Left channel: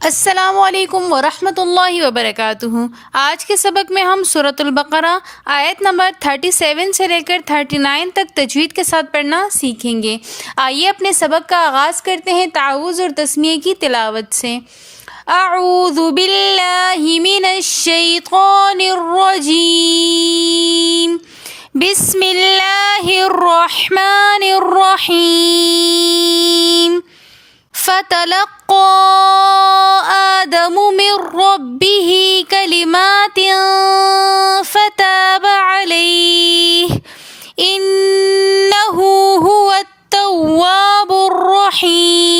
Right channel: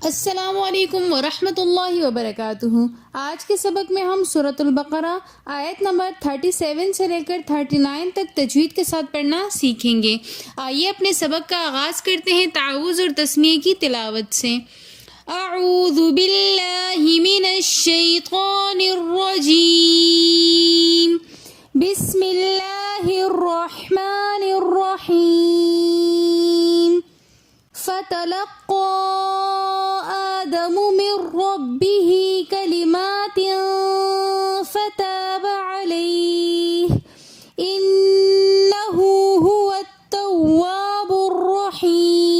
السلام علیکم ورحمۃ اللہ وبرکاتہ۔ آج کے سبق میں ہم سورۃ البقرہ آیت نمبر 37 سے لے کر 39 تک تجوید کے ساتھ پڑھنا سیکھیں گے۔ آئیے اپنے سبق کا آغاز کرتے ہیں تعوذ اور تسمیہ کی تلاوت سے۔ اعوذ باللہ من الشیطان الرجیم، بسم اللہ الرحمن الرحیم۔ فتلقى آدم من ربه كلمات فتاب عليه إنه هو التواب الرحيم۔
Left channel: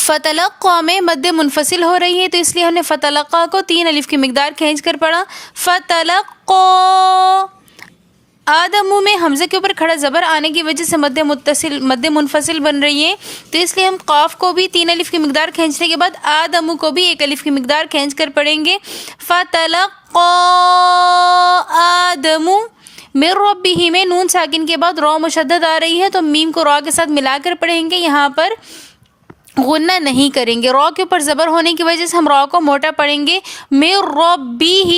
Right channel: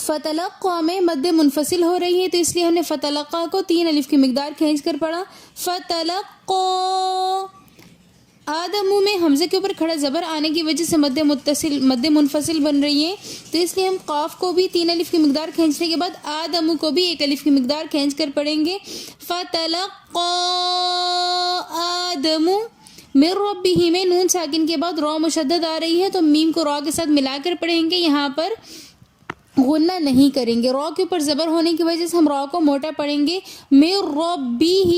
فتلقى میں مد منفصل ہو رہی ہے، تو اس لیے ہم نے فتلقى کو 3 الف کی مقدار کھینچ کر پڑھا۔ فتلقى آدم میں حمزے کے اوپر کھڑا زبر آنے کی وجہ سے مد منفصل بن رہی ہے، تو اس لیے ہم قاف کو بھی 3 الف کی مقدار کھینچنے کے بعد آدم کو بھی 1 الف کی مقدار کھینچ کر پڑھیں گے۔ فتلقى آدم من ربه میں نون ساکن کے بعد را مشدد آ رہی ہے، تو میم کو را کے ساتھ ملا کر پڑھیں گے، یہاں پر غنہ نہیں کریں گے۔ را کے اوپر زبر ہونے کی وجہ سے ہم را کو موٹا پڑھیں گے۔ من ربه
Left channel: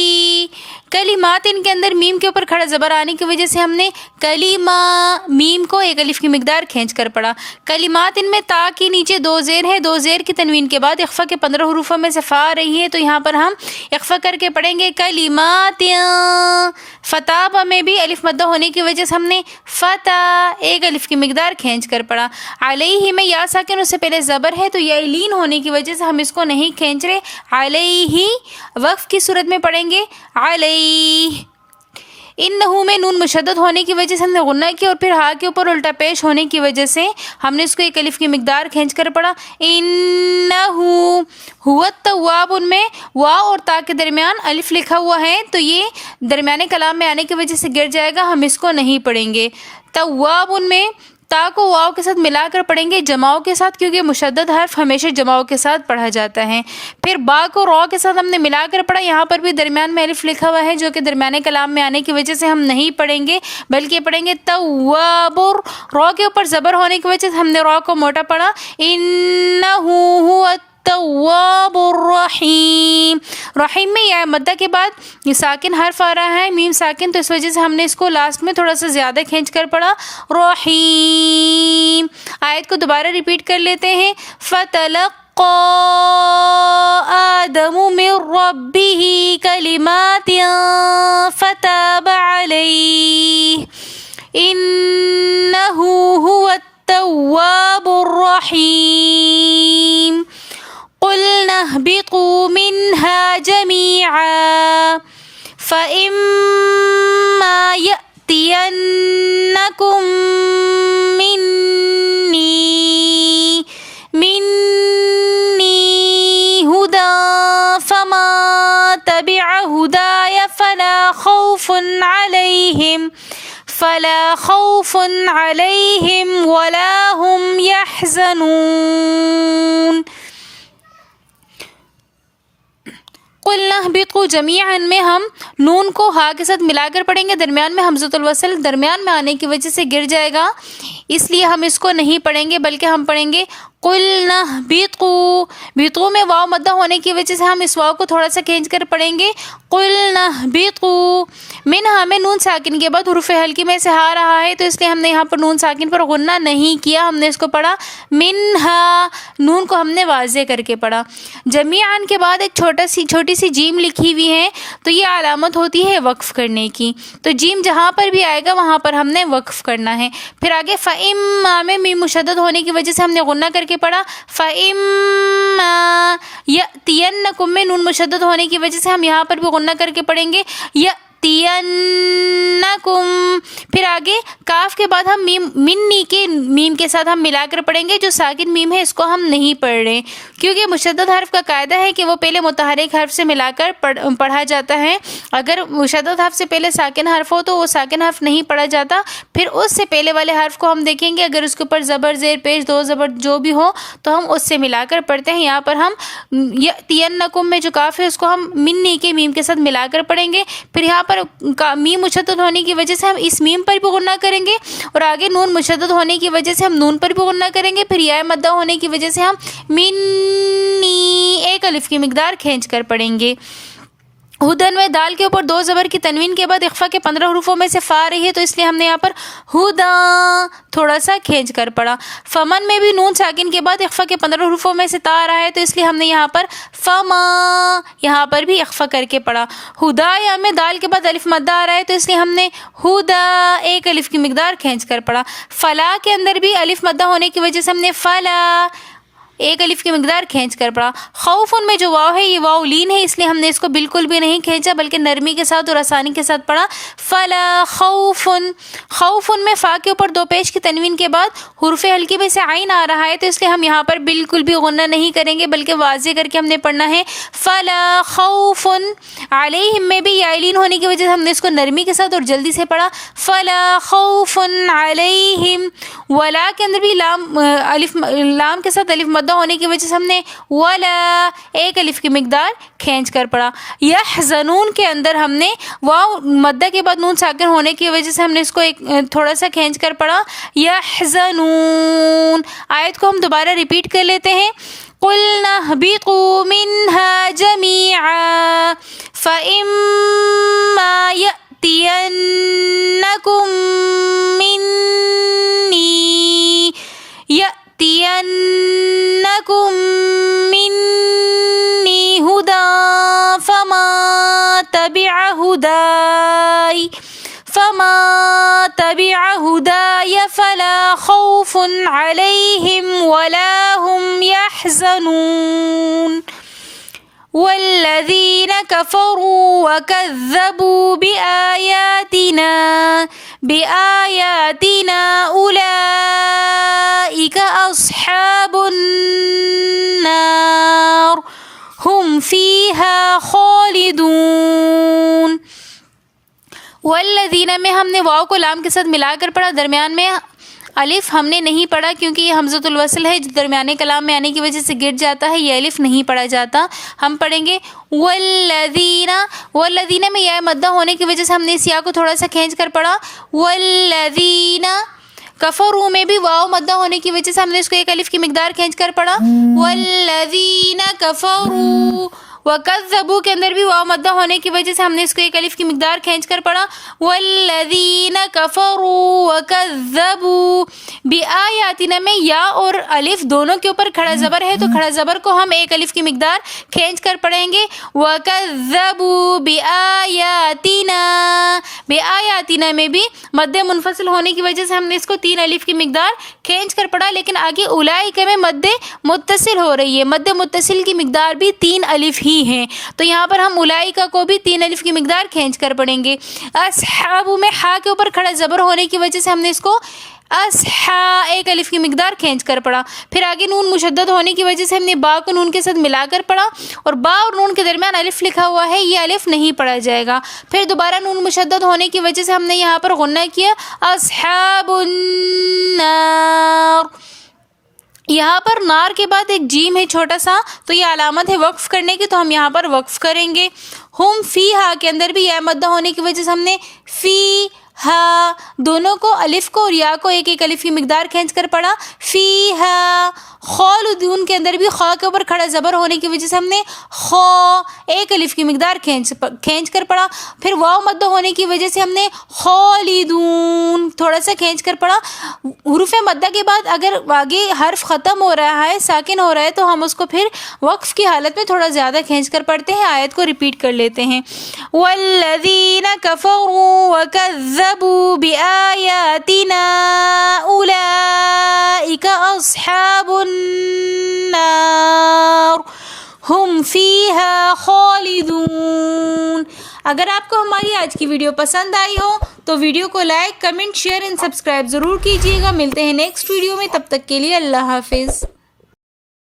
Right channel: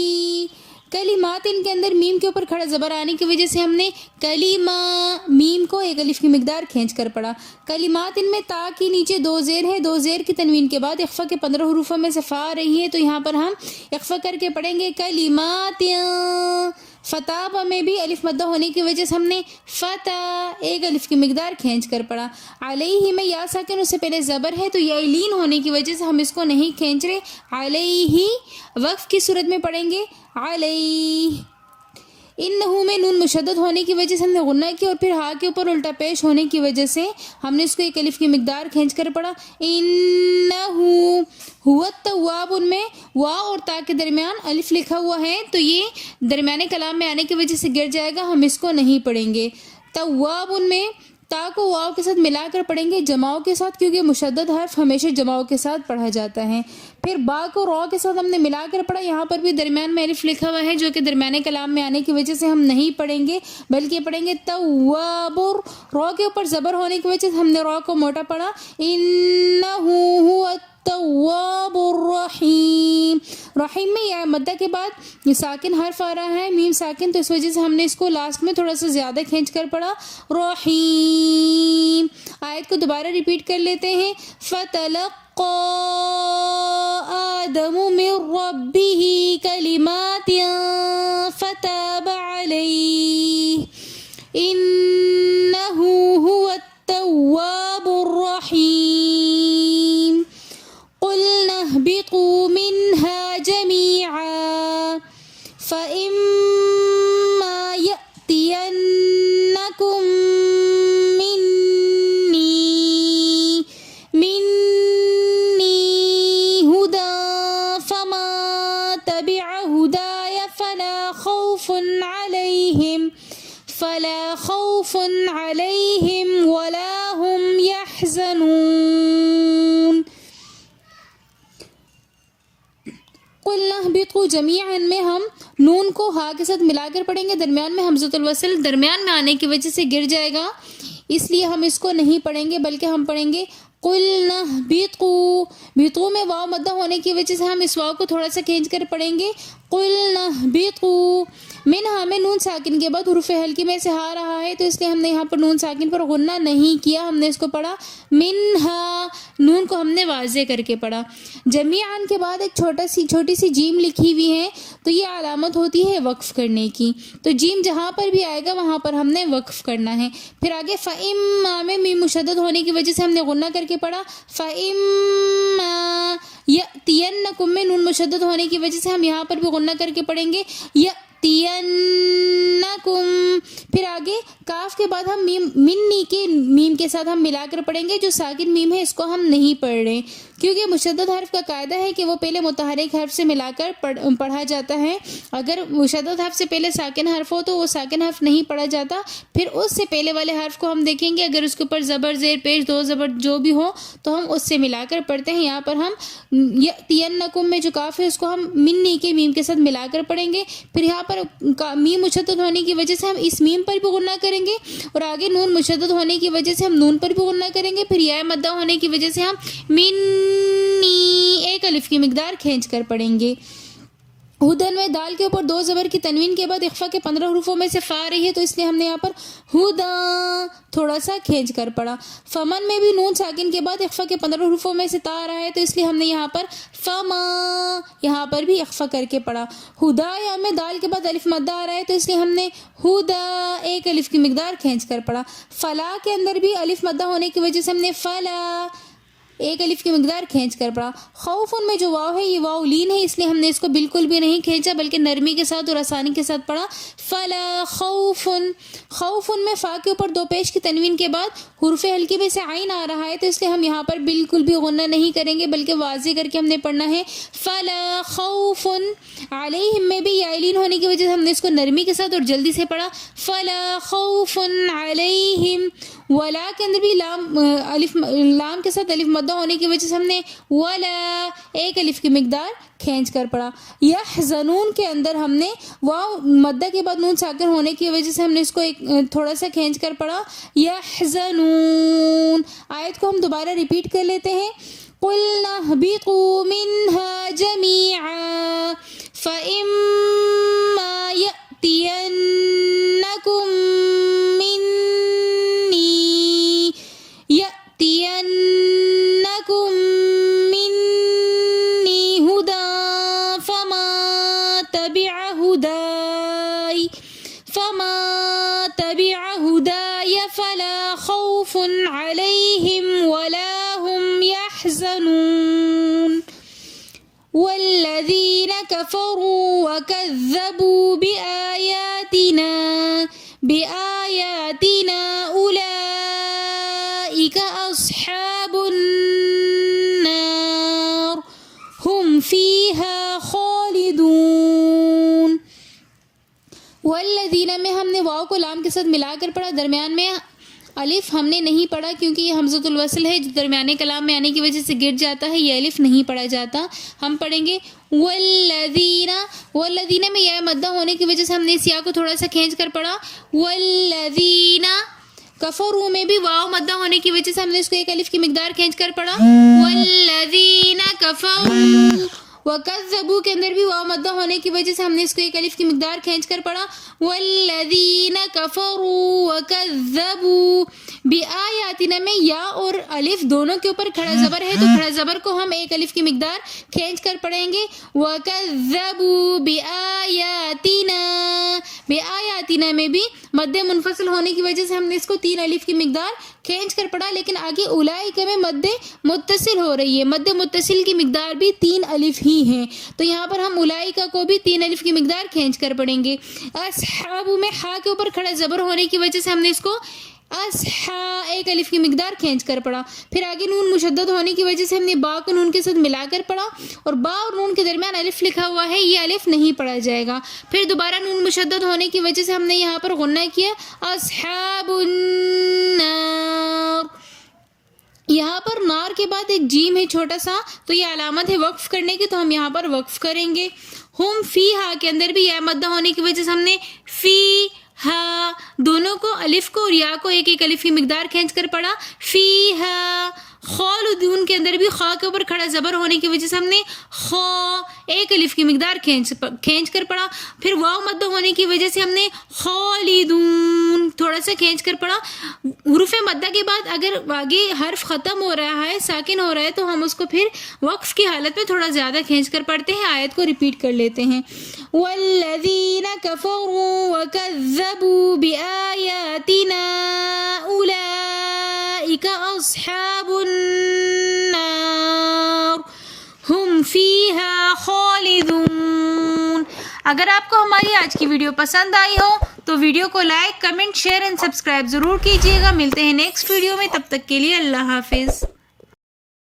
کلمات، ان کے اندر میم کے اوپر کھڑا زبر آنے کی وجہ سے ہم نے کلیمہ میم کو 1 الف کی مقدار کھینچ کر پڑھا۔ کلمات، ان میں تا کے نیچے 2 زیر ہے، 2 زیر کی تنوین کے بعد اخفا کے 15 حروفوں میں سے فا آ رہی ہے، تو یہاں پر ہم اخفا کر کے پڑھیں گے کلمات۔ فتح میں بھی الف مدہ ہونے کی وجہ سے ہم نے فتح 1 الف کی مقدار کھینچ کر پڑھا۔ علیہ میں یا ساکن اس سے پہلے زبر ہے، تو یا لین ہونے کی وجہ سے ہم اس کو نہیں کھینچ رہے، علیہ وقف کی صورت میں پڑھیں گے علیہ۔ انہو میں نون مشدد ہونے کی وجہ سے ہم نے غنہ کی، اور پھر ہا کے اوپر الٹا پیش ہونے کی وجہ سے ہم نے اس کو 1 الف کی مقدار کھینچ کر پڑھا۔ انہو ہوا التواب، ان میں واو اور تا کے درمیان الف لکھا ہوا ہے، تو یہ درمیانے کلام میں آنے کی وجہ سے گر جائے گا، ہم اس کو نہیں پڑھیں گے۔ تواب، ان میں تا کو واو کے ساتھ ملا کر پڑھیں گے جماؤں کے ساتھ، کیونکہ مشدد حرف ہمیشہ جماؤں کے ساتھ پڑھا جاتا ہے۔ پھر با کو را کے ساتھ ہم نے ملا کر پڑھا، یہاں پر بھی درمیان میں الف لکھا ہوا ہے، جو کہ درمیانے کلام میں آنے کی وجہ سے ہم نہیں پڑھیں گے، بلکہ پڑھیں گے تواب۔ را کے اوپر زبر ہونے کی وجہ سے ہم نے را کو موٹا پڑھا، انہو هو التواب الرحیم۔ رحیم میں یا مدہ کے بعد یہ ساکن حرف آ رہا ہے، میم ساکن، تو اس وجہ سے ہم نے اس کو لاسٹ میں تھوڑا سا زیادہ کھینچ کر پڑھا رحیم۔ آیت کو دوبارہ ریپیٹ کر لیتے ہیں۔ فتلقى آدم من ربه كلمات فتاب عليه إنه هو التواب الرحيم۔ قلنا اهبطوا منها جميعا فإما يأتينكم مني هدى فما تبع هداي فلا خوف عليهم ولا هم يحزنون۔ قلنا اهبطوا جميعا میں ہم نون کو ہا کے ساتھ ملا کر پڑھیں گے، درمیان میں حمزۃ الوصل درمیان میں آنے کی وجہ سے گر جائے گا، اس لیے ہم اس کو نہیں پڑھیں گے، بلکہ ہم پڑھیں گے قلنا اهبطوا۔ بطو میں واو مدہ ہونے کی وجہ سے ہم اس واو کو تھوڑا سا کھینچ کر پڑھیں گے قلنا اهبطوا۔ منہا میں نون ساکن کے بعد حروف حلقی میں سے ہا رہا ہے، تو اس لیے ہم نے یہاں پر نون ساکن پر غنہ نہیں کیا، ہم نے اس کو پڑھا منہا، نون کو ہم نے واضح کر کے پڑھا۔ جمیعاً کے بعد ایک چھوٹی سی جیم لکھی ہوئی ہے، تو یہ علامت ہوتی ہے وقف کرنے کی، تو جیم جہاں پر بھی آئے گا وہاں پر ہم نے وقف کرنا ہے۔ پھر آگے فَإِمَّا میں میم مشدد ہونے کی وجہ سے ہم نے غنہ کر کے پڑھا فَإِمَّا يَأْتِيَنَّكُم میں نون مشدد ہونے کی وجہ سے ہم یہاں پر بھی غنہ کر کے پڑھیں گے يَأْتِيَنَّكُم۔ پھر آگے کاف کے بعد ہم منی کے میم کے ساتھ ہم ملا کر پڑھیں گے، جو ساکن میم ہے اس کو ہم نہیں پڑھ رہے، کیونکہ مشدد حرف کا قاعدہ ہے کہ وہ پہلے متحرک حرف سے ملا کر پڑھا جاتا ہے، اگر مشدد حرف سے پہلے ساکن حرف ہو تو وہ ساکن حرف نہیں پڑھا جاتا، پھر اس سے پہلے والے حرف کو ہم دیکھیں گے، اگر اس کے اوپر زبر زیر پیش 2 زبر جو بھی ہو تو ہم اس سے ملا کر پڑھتے ہیں۔ یہاں پر ہم یأتینکم میں جو کاف ہے اس کو ہم منی کے میم کے ساتھ ملا کر پڑھیں گے، پھر یہاں پر میم مشدد ہونے کی وجہ سے ہم اس میم پر بھی غنہ کریں گے اور آگے نون مشدد ہونے کی وجہ سے ہم نون پر بھی غنہ کریں گے. پھر یا مدہ ہونے کی وجہ سے ہم منی ایک الف کی مقدار کھینچ کر پڑھیں گے. ہدن میں دال کے اوپر دو زبر کی تنوین کے بعد اخفا کے 15 حروفوں میں سے فا رہی ہے تو اس لیے ہم نے یہاں پر ہدا تھوڑا سا کھینچ کر پڑھا. فمن میں بھی نون ساکن کے بعد اخفا کے 15 حروفوں میں سے تا آ رہا ہے تو اس لیے ہم نے یہاں پر فما یہاں پر بھی اخفا کر کے پڑھا. ہدایا میں دال کے بعد الف مدہ آ رہا ہے تو اس لیے ہم نے ہدا ایک الف کی مقدار کھینچ کر پڑھا. فلا کے اندر بھی الف مدہ ہونے کی وجہ سے ہم نے فلا ایک الف کی مقدار کھینچ کر پڑھا. خوفن میں جو واو ہے یہ واو لین ہے اس لیے ہم نے اس کو بالکل بھی نہیں کھینچا بلکہ نرمی کے ساتھ اور آسانی کے ساتھ پڑھا. فلا خوفن. خوفن میں فا کے اوپر دو پیش کی تنوین کے بعد حرف ہلکی میں سے عین آ رہا ہے تو اس لیے ہم یہاں پر بالکل بھی غنہ نہیں کریں گے بلکہ واضح کر کے ہم نے پڑھنا ہے فلا خوفن. علیہم میں بھی یا لین ہونے کی وجہ سے ہم نے اس کو نرمی کے ساتھ اور جلدی سے پڑھا فلا خوفن علیہم. ولا کے اندر بھی لام کے ساتھ الف مدہ ہونے کی وجہ سے ہم نے ولا ایک الف کی مقدار کھینچ کر پڑھا. یحزنون کے اندر ہم نے واو مدہ کے بعد نون ساکن ہونے کی وجہ سے ہم نے اس کو ایک تھوڑا سا کھینچ کر پڑھا یحزنون. آیت کو ہم دوبارہ ریپیٹ کر لیتے ہیں. قُلْنَا اهْبِطُوا مِنْهَا جَمِيعًا فَإِمَّا يَأْتِيَنَّكُمْ مني هدى فما تبع هداي فلا خوف عليهم ولا هم يحزنون. والذين كفروا وكذبوا بآياتنا أولئك أصحاب النار هم فيها خالدون. والذین میں ہم نے واو کو لام کے ساتھ ملا کر پڑھا. درمیان میں الف ہم نے نہیں پڑھا کیونکہ یہ حمزۃ الوصل ہے جو درمیانے کلام میں آنے کی وجہ سے گر جاتا ہے. یہ الف نہیں پڑھا جاتا. ہم پڑھیں گے والذین میں یا مدہ ہونے کی وجہ سے ہم نے اس یا کو تھوڑا سا کھینچ کر پڑھا. والذین کفروا میں بھی واو مدہ ہونے کی وجہ سے ہم نے اس کو ایک الف کی مقدار کھینچ کر پڑھا. والذین کفروا. وَكَذَّبُوا کے اندر بھی واو مدہ ہونے کی وجہ سے ہم نے اس کو ایک الف کی مقدار کھینچ کر پڑھا. وَالَّذِينَ كَفَرُوا وَكَذَّبُوا بِآيَاتِنَا میں یا اور الف دونوں کے اوپر کھڑا زبر ہے تو کھڑا زبر کو ہم ایک الف کی مقدار کھینچ کر پڑھیں گے. وَكَذَّبُوا بِآيَاتِنَا بِآيَاتِنَا میں بھی مد منفصل ہونے کی وجہ سے ہم نے اس کو 3 الف کی مقدار کھینچ کر پڑھا. لیکن آگے اولئک میں مد متصل ہو رہی ہے. مد متصل کی مقدار بھی 3 الف ہی ہیں تو یہاں پر ہم اولئک کو بھی 3 الف کی مقدار کھینچ کر پڑھیں گے. اصحاب میں ہا کے اوپر کھڑا زبر ہونے کی وجہ سے ہم نے اس کو اصحا ایک الف کی مقدار کھینچ کر پڑھا. پھر آگے نون مشدد ہونے کی وجہ سے ہم نے با کو نون کے ساتھ ملا کر پڑھا اور با اور نون کے درمیان الف لکھا ہوا ہے یہ الف نہیں پڑھا جائے گا. پھر دوبارہ نون مشدد ہونے کی وجہ سے ہم نے یہاں پر غنہ کیا اصحاب النار. یہاں پر نار کے بعد ایک جیم ہے چھوٹا سا تو یہ علامت ہے وقف کرنے کی تو ہم یہاں پر وقف کریں گے. ہم فی ہا کے اندر بھی یا مدہ ہونے کی وجہ سے ہم نے فی ہا دونوں کو الف کو اور یا کو ایک ایک الف کی مقدار کھینچ کر پڑھا. فی ہا خالدون کے اندر بھی خا کے اوپر کھڑا زبر ہونے کی وجہ سے ہم نے خا ایک الف کی مقدار کھینچ کر پڑھا. پھر واو مدہ ہونے کی وجہ سے ہم نے خالدون تھوڑا سا کھینچ کر پڑھا. حروف مدہ کے بعد اگر آگے حرف ختم ہو رہا ہے ساکن ہو رہا ہے تو ہم اس کو پھر وقف کی حالت میں تھوڑا زیادہ کھینچ کر پڑھتے ہیں. آیت کو ریپیٹ کر لیتے ہیں. والذین کفروا وکذبوا بآیاتنا اولئک اصحاب النار ہم فیہا خالدون. اگر آپ کو ہماری آج کی ویڈیو پسند آئی ہو تو ویڈیو کو like, comment, share and subscribe ضرور کیجیے گا. ملتے ہیں نیکسٹ ویڈیو میں، تب تک کے لیے اللہ حافظ.